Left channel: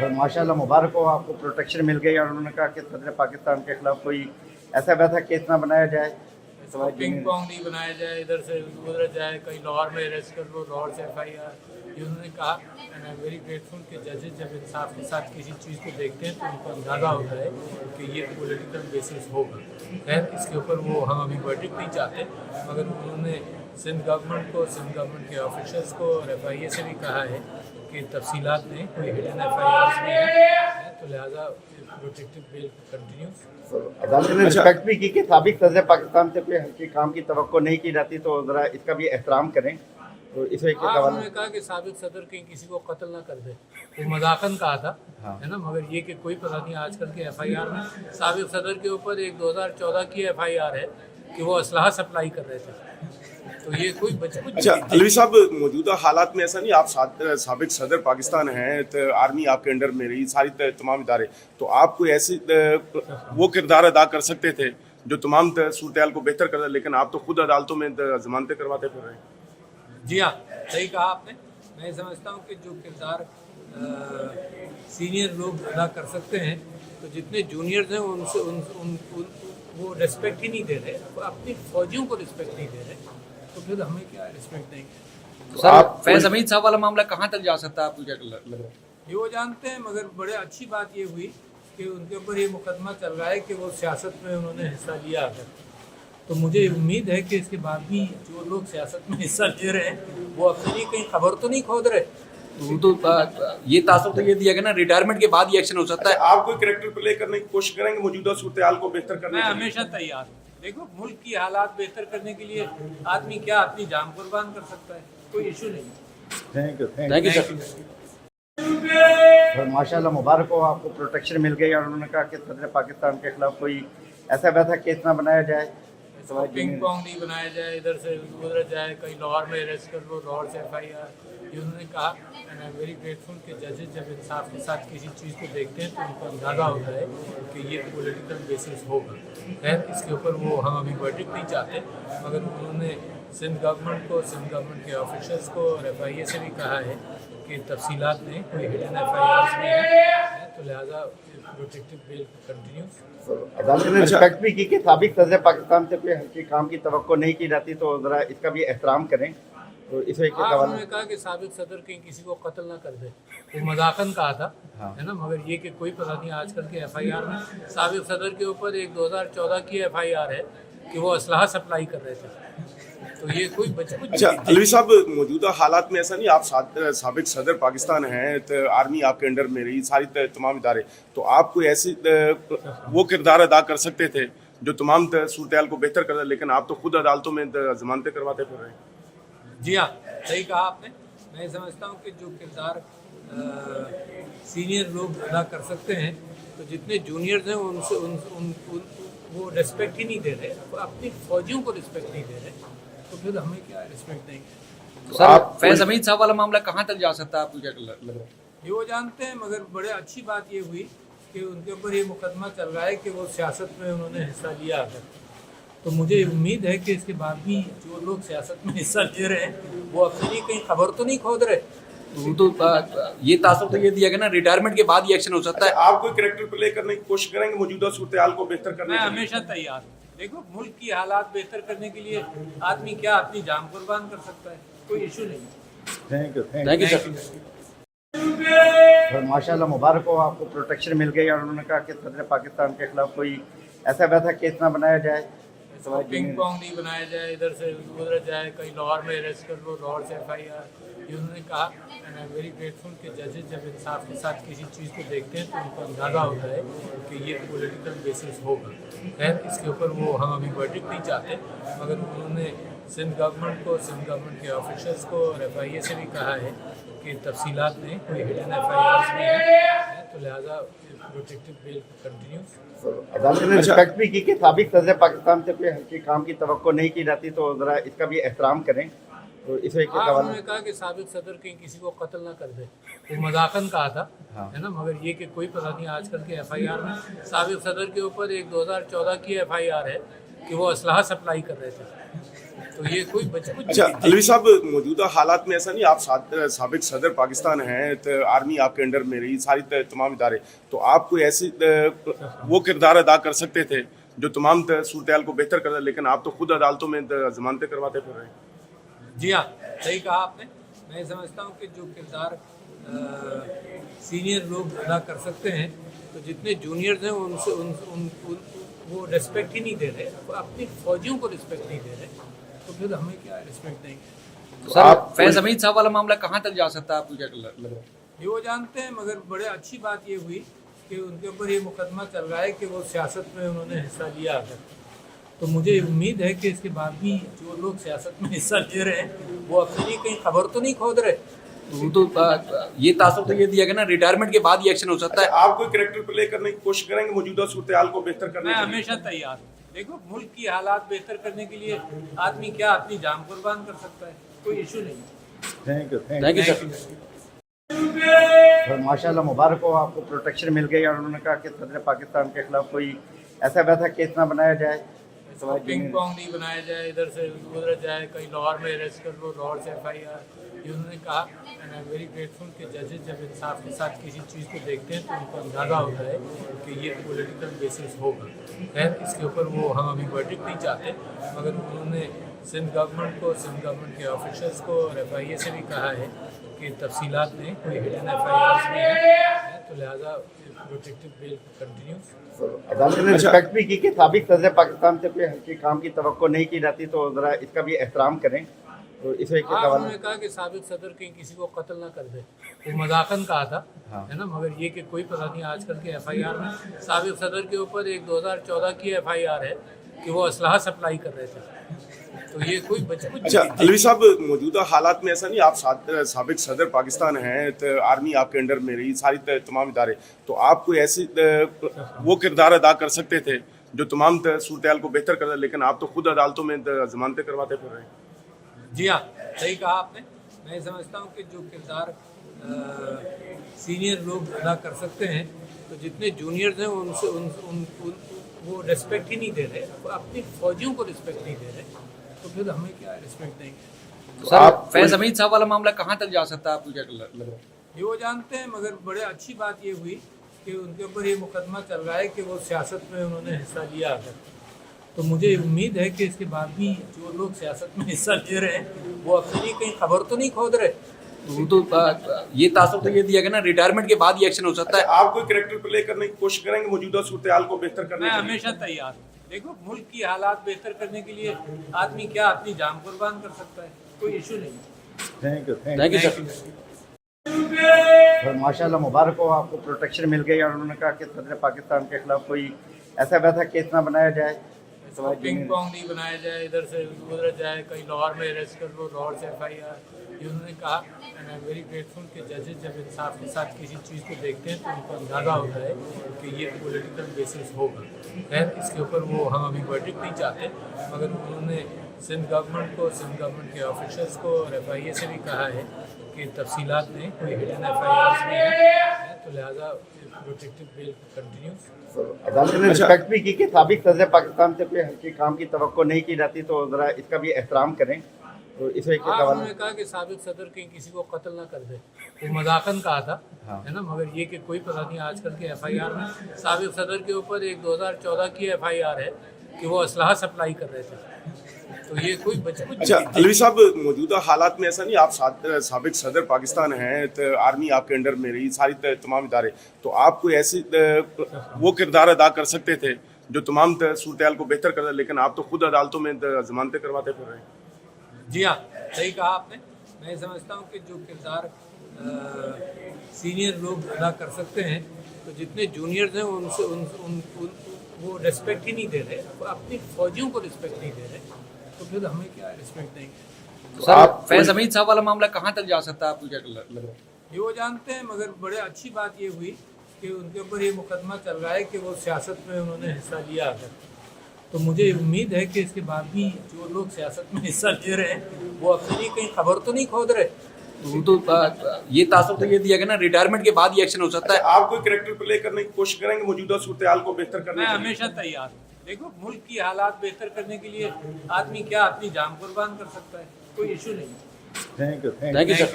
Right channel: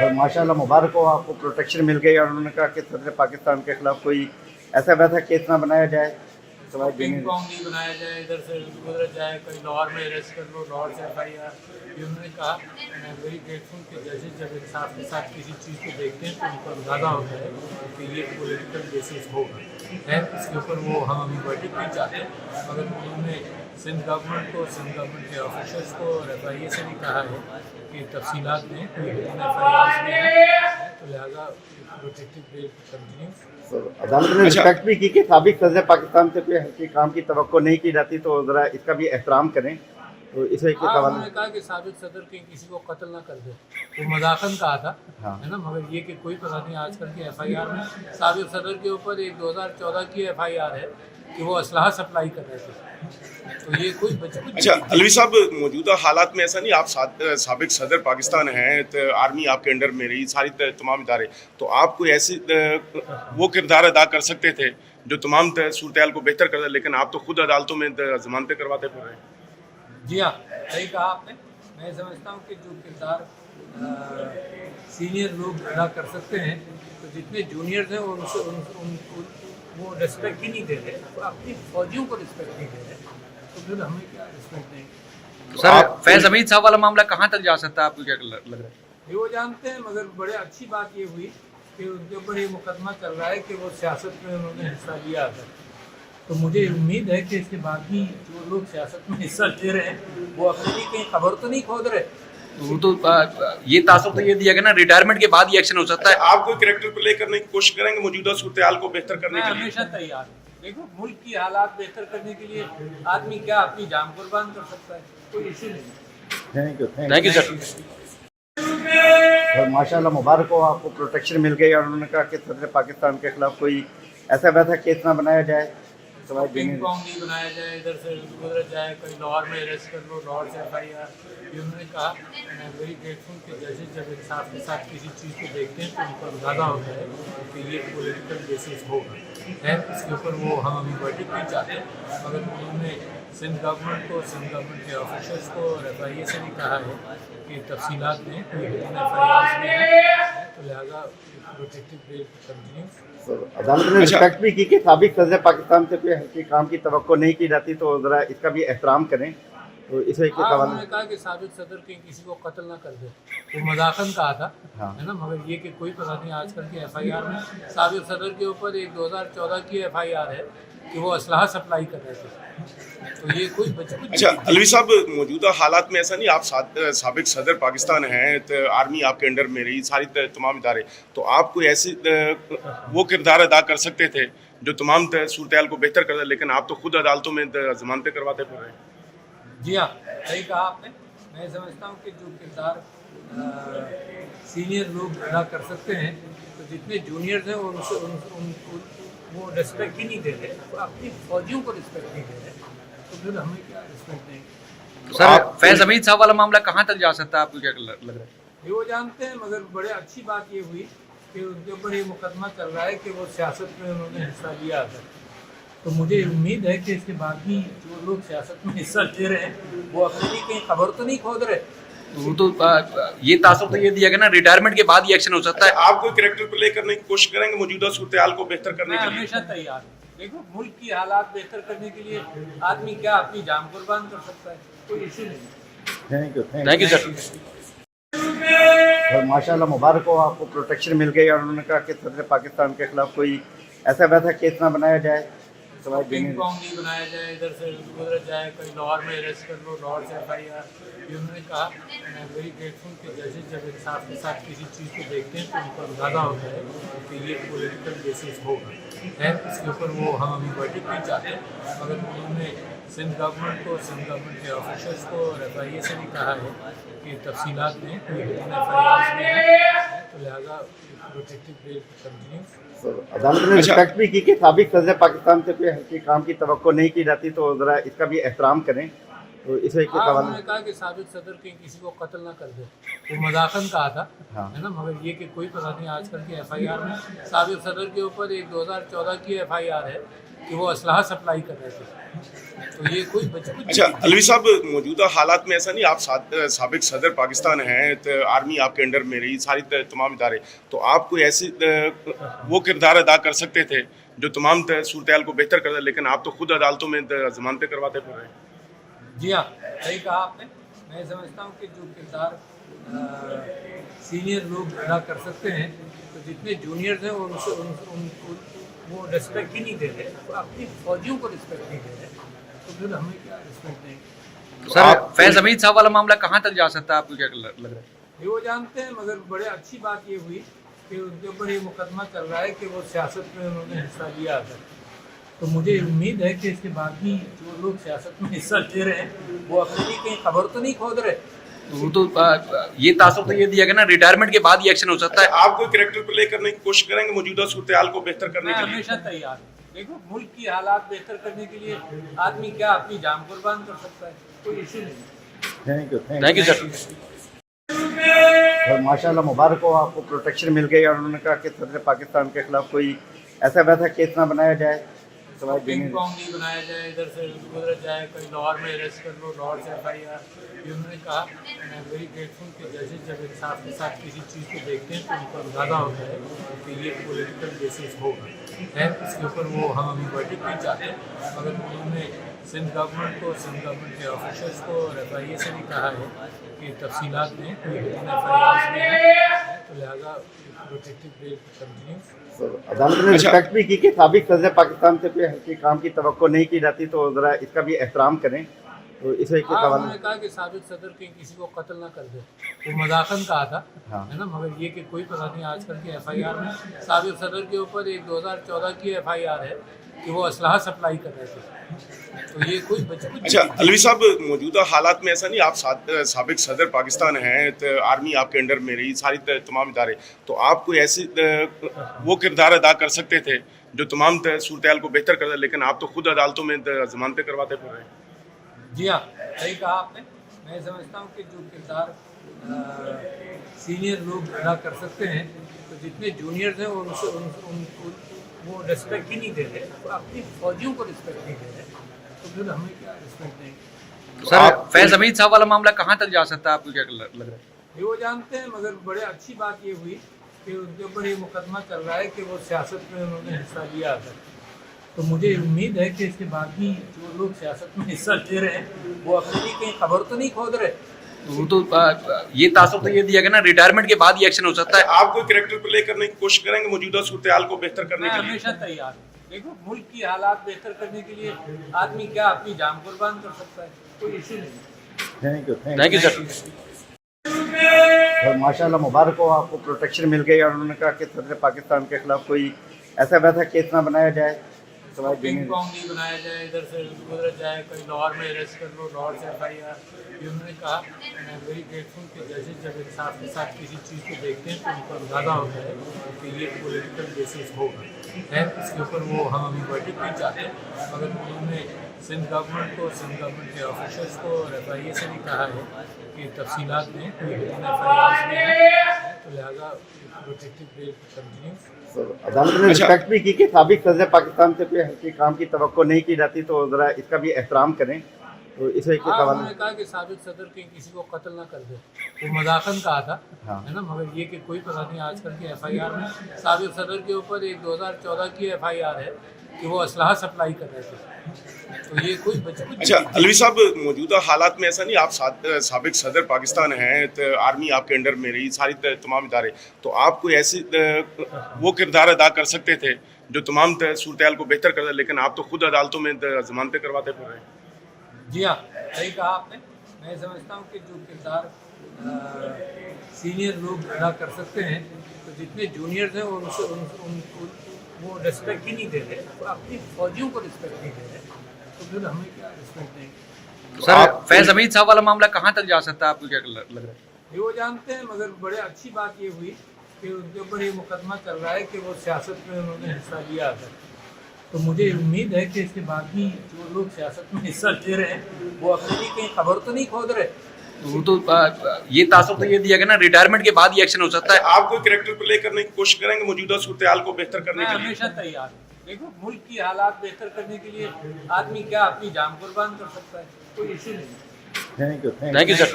और माशाल्लाह मुबारक हो, आपको प्रोटेक्शन मिल गई और उन्होंने कहा कि सदर पाकिस्तान के खिलाफ कोई ऐसा वैसा केस ना बनाया जाए। इसको पिंग पोंग नहीं बनाया जाए, इधर से उधर जाए, कहीं लाहौर में अरेस्ट कर लो, लाहौर से FIR। ये उन्होंने कहा। And I am very grateful कि जजेस जब इंसाफ के साथ किसी चीज़ को देखते हैं तो उनको अंदाज़ा होता है कि ये पॉलिटिकल बेसिस होगा। खैर इसके ऊपर वो हम अभी वर्डिक्ट नहीं चाहते, मगर उन्होंने सिंध गवर्नमेंट को, सिंध गवर्नमेंट के ऑफिसर्स को और FIA से भी कहा है कि तफसीलात में कोई हिडन FIRs में है, तो लिहाजा प्रोटेक्टिव बेल कंटिन्यूस। अदालत ने रिस्पेक्ट भी की कि साबिक सदर पाकिस्तान से कोई हल्की काम की तवक्को नहीं की जाती, तो ज़रा इसका भी एहतराम करें। तो इस वजह हाँ, के उन्होंने कहा कि साबिक सदर के किसी को कत्ल ना कर दे, वो मजाकन कहा था। हाँ। है ना, मगर ये कि कोई पता नहीं आजकल के FIR में साबिक सदर के ऊपर एक 2014 की FIR है कि वो असलहा सप्लाई कर रहे थे, तो ये कोई बचकुच। अच्छा अलवी साहब, मौजूदा हालात में ऐसा नहीं, आप साबिक सदर पाकिस्तान हैं, तो आर्मी आपके अंडर में रही, सारी तमाम इदारे, तो आप कोई ऐसे वो किरदार अदा कर सकते थे जो तमाम सूरत को बेहतर कर दे, लेकिन आप तो खुद अदालतों में जमानतें करवाते फिर रहे हैं। जी हाँ, सही कहा आपने। मैं समझता हूँ कि जो किरदार सीनियर लोग अदा कर सकते हैं, तो जितने जूनियर्स हैं उनसे वो रिस्पेक्ट ही नहीं दे रहे, तो अपनी फौजियों को रिस्पेक्ट नहीं दे रहे, तो फिर हमें क्या रिस्पेक्ट देंगे। सर फैज हमीद साहब वाला मामला कहाँ तक जा सकता है, आपको क्या लग रहा है? ये वो जानते हैं, मगर बड़े अच्छी बात ये हुई कि उनके ऊपर ये मुकदमा चल रहा है कि वो सियासत में उन्होंने हिस्सा लिया है। तो मुझे उम्मीद है कि इसके बाद भी जो लोग सियासत में हिस्सा ले रहे हैं वो अपने लिए कहीं खबर तो नहीं खोद रहे। वो तो ये तासुब तो ये दिया गया ना, रिटायरमेंट के बाद ही एक्शन हो सकता है। आप कोई कैरेक्टर प्ले करने की कोशिश करेंगे मौजूदा सूरत को बेहतर करने मैं के लिए? हमेशा तैयार हूँ। देखो, मुल्क की हालात बेहतर करने के लिए आदमी क्या अपनी जान कुर्बान कर सकता है, कोई इशू नहीं। Thank you sir. और माशाल्लाह मुबारक हो, आपको प्रोटेक्शन मिल गई और उन्होंने कहा कि सदर पाकिस्तान के खिलाफ कोई ऐसा वैसा केस ना बनाया जाए। इसको पिंग पोंग नहीं बनाया जाए, इधर से उधर जाए, कहीं लाहौर में अरेस्ट कर लो, लाहौर से FIR। ये उन्होंने कहा। And I am very grateful कि जजेस जब इंसाफ के साथ किसी चीज़ को देखते हैं तो उनको अंदाज़ा होता है कि ये पॉलिटिकल बेसिस होगा। खैर इसके ऊपर वो हम अभी वर्डिक्ट नहीं चाहते, मगर उन्होंने सिंध गवर्नमेंट को, सिंध गवर्नमेंट के ऑफिसर्स को और FIA से भी कहा है कि तफसीलात में कोई हिडन FIRs में है, तो लिहाजा प्रोटेक्टिव बेल कंटिन्यूस। अदालत ने रिस्पेक्ट भी की कि साबिक सदर पाकिस्तान से कोई हल्की काम की तवक्को नहीं की जाती, तो ज़रा इसका भी एहतराम करें। तो इस वजह हाँ, के उन्होंने कहा कि साबिक सदर के किसी को कत्ल ना कर दे, वो मजाकन कहा था। हाँ। है ना, मगर ये कि कोई पता नहीं आजकल के FIR में साबिक सदर के ऊपर एक 2014 की FIR है कि वो असलहा सप्लाई कर रहे थे, तो ये कोई बचकुच। अच्छा अलवी साहब, मौजूदा हालात में ऐसा नहीं, आप साबिक सदर पाकिस्तान हैं, तो आर्मी आपके अंडर में रही, सारी तमाम इदारे, तो आप कोई ऐसे वो किरदार अदा कर सकते थे जो तमाम सूरत को बेहतर कर दे, लेकिन आप तो खुद अदालतों में जमानतें करवाते फिर रहे हैं। जी हाँ, सही कहा आपने। मैं समझता हूँ कि जो किरदार सीनियर लोग अदा कर सकते हैं, तो जितने जूनियर्स हैं उनसे वो रिस्पेक्ट ही नहीं दे रहे, तो अपनी फौजियों को रिस्पेक्ट नहीं दे रहे, तो फिर हमें क्या रिस्पेक्ट देंगे। सर फैज हमीद साहब वाला मामला कहाँ तक जा सकता है, आपको क्या लग रहा है? ये वो जानते हैं, मगर बड़े अच्छी बात ये हुई कि उनके ऊपर ये मुकदमा चल रहा है कि वो सियासत में उन्होंने हिस्सा लिया है। तो मुझे उम्मीद है कि इसके बाद भी जो लोग सियासत में हिस्सा ले रहे हैं वो अपने लिए कहीं खबर तो नहीं खोद रहे। वो तो ये तासुब तो ये दिया गया ना, रिटायरमेंट के बाद ही एक्शन हो सकता है। आप कोई कैरेक्टर प्ले करने की कोशिश करेंगे मौजूदा सूरत को बेहतर करने मैं के लिए? हमेशा तैयार हूँ। देखो, मुल्क की हालात बेहतर करने के लिए आदमी क्या अपनी जान कुर्बान कर सकता है, कोई इशू नहीं। Thank you sir. और माशाल्लाह मुबारक हो, आपको प्रोटेक्शन मिल गई और उन्होंने कहा कि सदर पाकिस्तान के खिलाफ कोई ऐसा वैसा केस ना बनाया जाए। इसको पिंग पोंग नहीं बनाया जाए, इधर से उधर जाए, कहीं लाहौर में अरेस्ट कर लो, लाहौर से FIR। ये उन्होंने कहा। And I am very grateful कि जजेस जब इंसाफ के साथ किसी चीज़ को देखते हैं तो उनको अंदाज़ा होता है कि ये पॉलिटिकल बेसिस होगा। खैर इसके ऊपर वो हम अभी वर्डिक्ट नहीं चाहते, मगर उन्होंने सिंध गवर्नमेंट को, सिंध गवर्नमेंट के ऑफिसर्स को और FIA से भी कहा है कि तफसीलात में कोई हिडन FIRs में है, तो लिहाजा प्रोटेक्टिव बेल कंटिन्यूस। अदालत ने रिस्पेक्ट भी की कि साबिक सदर पाकिस्तान से कोई हल्की काम की तवक्को नहीं की जाती, तो ज़रा इसका भी एहतराम करें। तो इस वजह हाँ, के उन्होंने कहा कि साबिक सदर के किसी को कत्ल ना कर दे, वो मजाकन कहा था। हाँ। है ना, मगर ये कि कोई पता नहीं आजकल के FIR में साबिक सदर के ऊपर एक 2014 की FIR है कि वो असलहा सप्लाई कर रहे थे, तो ये कोई बचपन अच्छा अलवी साहब, मौजूदा हालात में ऐसा नहीं, आप साबिक सदर पाकिस्तान हैं, तो आर्मी आपके अंडर में रही, सारी तमाम इदारे, तो आप कोई ऐसी वो किरदार अदा कर सकते थे जो तमाम सूरत हाल को बेहतर कर दे, लेकिन आप तो खुद अदालतों में जमानतें करवाते फिर रहे हैं। जी हाँ, सही कहा आपने। मैं समझता हूँ कि जो किरदार सीनियर लोग अदा कर सकते हैं, तो जितने जूनियर्स हैं उनसे वो रिस्पेक्ट ही नहीं दे रहे, तो अपनी फौजियों को रिस्पेक्ट नहीं दे रहे, तो फिर हमें क्या रिस्पेक्ट देंगे। सर फैज हमीद साहब वाला मामला कहाँ तक जा सकता है, आपको क्या लग रहा है? ये वो जानते हैं, मगर बड़े अच्छी बात ये हुई कि उनके ऊपर ये मुकदमा चल रहा है कि वो सियासत में उन्होंने हिस्सा लिया है। तो मुझे उम्मीद है कि इसके बाद भी जो लोग सियासत में हिस्सा ले रहे हैं वो अपने लिए कहीं खबर तो नहीं खोद रहे। वो तो ये तासुर तो ये दिया गया ना, रिटायरमेंट के बाद ही एक्शन हो सकता है। आप कोई कैरेक्टर प्ले करने की कोशिश करेंगे मौजूदा सूरत हाल को बेहतर करने मैं के लिए? हमेशा तैयार हूँ। देखो, मुल्क की हालात बेहतर करने के लिए आदमी क्या अपनी जान कुर्बान कर सकता है, कोई इशू नहीं। Thank you sir. और माशाल्लाह मुबारक हो, आपको प्रोटेक्शन मिल गई और उन्होंने कहा कि सदर पाकिस्तान के खिलाफ कोई ऐसा वैसा केस ना बनाया जाए। पिंग पोंग नहीं बनाया जाए, इधर से उधर जाए, कहीं लाहौर में अरेस्ट कर लो, लाहौर से FIR। ये उन्होंने कहा। आई एम वेरी ग्रेटफुल कि जजेस जब इंसाफ के साथ किसी चीज़ को देखते हैं तो उनको अंदाज़ा होता है कि ये पॉलिटिकल बेसिस होगा। खैर, इसके ऊपर वो हम अभी वर्डिक्ट नहीं चाहते, मगर उन्होंने सिंध गवर्नमेंट को, सिंध गवर्नमेंट के ऑफिसर्स को और FIA से भी कहा है कि तफसीलात में कोई हिडन FIRs में है, तो लिहाजा प्रोटेक्टिव बेल कंटिन्यूस। अदालत ने रिस्पेक्ट भी की कि साबिक सदर पाकिस्तान से कोई हल्के काम की तवक्को नहीं की जाती, तो ज़रा इसका भी एहतराम करें। तो इस वजह हाँ, उन्होंने कहा कि साबिक सदर के किसी को कत्ल ना कर दे, वो मजाकन कहा था, है ना, मगर ये कि कोई पता नहीं आजकल के FIR में साबिक सदर के ऊपर एक 2014 की FIR है कि वो असलहा सप्लाई कर रहे थे, तो ये कोई बचपन। अच्छा अलवी साहब, मौजूदा हालात में ऐसा नहीं, आप साबिक सदर पाकिस्तान हैं, तो आर्मी आपके अंडर में रही, सारी तमाम इदारे, तो आप कोई ऐसी वो किरदार अदा कर सकते थे जो तमाम सूरत हाल को बेहतर कर दे, लेकिन आप तो खुद अदालतों में जमानतें करवाते फिर रहे हैं। जी हाँ, सही कहा आपने। मैं समझता हूँ कि जो किरदार सीनियर लोग अदा कर सकते हैं, तो जितने जूनियर्स हैं उनसे वो रिस्पेक्ट ही नहीं दे रहे, तो अपनी फौजियों को रिस्पेक्ट नहीं दे रहे, तो फिर हमें क्या रिस्पेक्ट देंगे। सर फैज हमीद साहब वाला मामला कहाँ तक जा सकता है, आपको क्या लग रहा है? ये वो जानते हैं, मगर बड़े अच्छी बात ये हुई कि उनके ऊपर ये मुकदमा चल रहा है कि वो सियासत में उन्होंने हिस्सा लिया है। तो मुझे उम्मीद है कि इसके बाद भी जो लोग सियासत में हिस्सा ले रहे हैं वो अपने लिए कहीं खबर तो नहीं खोद रहे। वो तो ये तासुर तो ये दिया गया ना, रिटायरमेंट के बाद ही एक्शन हो सकता है। आप कोई कैरेक्टर प्ले करने की कोशिश करेंगे मौजूदा सूरत हाल को बेहतर करने मैं के लिए? हमेशा तैयार हूँ। देखो, मुल्क की हालात बेहतर करने के लिए आदमी क्या अपनी जान कुर्बान कर सकता है, कोई इशू नहीं। Thank you sir. और माशाल्लाह मुबारक हो, आपको प्रोटेक्शन मिल गई और उन्होंने कहा कि सदर पाकिस्तान के खिलाफ कोई ऐसा वैसा केस ना बनाया जाए। पिंग पोंग नहीं बनाया जाए, इधर से उधर जाए, कहीं लाहौर में अरेस्ट कर लो, लाहौर से FIR। ये उन्होंने कहा। आई एम वेरी ग्रेटफुल कि जजेस जब इंसाफ के साथ किसी चीज़ को देखते हैं तो उनको अंदाज़ा होता है कि ये पॉलिटिकल बेसिस होगा। खैर, इसके ऊपर वो हम अभी वर्डिक्ट नहीं चाहते, मगर उन्होंने सिंध गवर्नमेंट को, सिंध गवर्नमेंट के ऑफिसर्स को और FIA से भी कहा है कि तफसीलात में कोई हिडन FIRs में है, तो लिहाजा प्रोटेक्टिव बेल कंटिन्यूस। अदालत ने रिस्पेक्ट भी की कि साबिक सदर पाकिस्तान से कोई हल्के काम की तवक्को नहीं की जाती, तो ज़रा इसका भी एहतराम करें। तो इस वजह हाँ, उन्होंने कहा कि साबिक सदर के किसी को कत्ल ना कर दे, वो मजाकन कहा था, है ना, मगर ये कि कोई पता नहीं आजकल के FIR में साबिक सदर के ऊपर एक 2014 की FIR है कि वो असलहा सप्लाई कर रहे थे, तो ये कोई बचपन। अच्छा अलवी साहब, मौजूदा हालात में ऐसा नहीं, आप साबिक सदर पाकिस्तान हैं, तो आर्मी आपके अंडर में रही, सारी तमाम इदारे, तो आप कोई ऐसी वो किरदार अदा कर सकते थे जो तमाम सूरत हाल को बेहतर कर दे, लेकिन आप तो खुद अदालतों में जमानतें करवाते फिर रहे हैं। जी हाँ, सही कहा आपने। मैं समझता हूँ कि जो किरदार सीनियर लोग अदा कर सकते हैं, तो जितने जूनियर्स हैं उनसे वो रिस्पेक्ट ही नहीं दे रहे, तो अपनी फौजियों को रिस्पेक्ट नहीं दे रहे, तो फिर हमें क्या रिस्पेक्ट देंगे। सर फैज हमीद साहब वाला मामला कहाँ तक जा सकता है, आपको क्या लग रहा है? ये वो जानते हैं, मगर बड़े अच्छी बात ये हुई कि उनके ऊपर ये मुकदमा चल रहा है कि वो सियासत में उन्होंने हिस्सा लिया है। तो मुझे उम्मीद है कि इसके बाद भी जो लोग सियासत में हिस्सा ले रहे हैं वो अपने लिए कहीं खबर तो नहीं खोद रहे। वो तो ये तासुर तो ये दिया गया ना, रिटायरमेंट के बाद ही एक्शन हो सकता है। आप कोई कैरेक्टर प्ले करने की कोशिश करेंगे मौजूदा सूरत हाल को बेहतर करने मैं के लिए? हमेशा तैयार हूँ। देखो मुल्क की हालात बेहतर करने के लिए आदमी क्या अपनी जान कुर्बान कर सकता है, कोई इशू नहीं। Thank you thank you sir.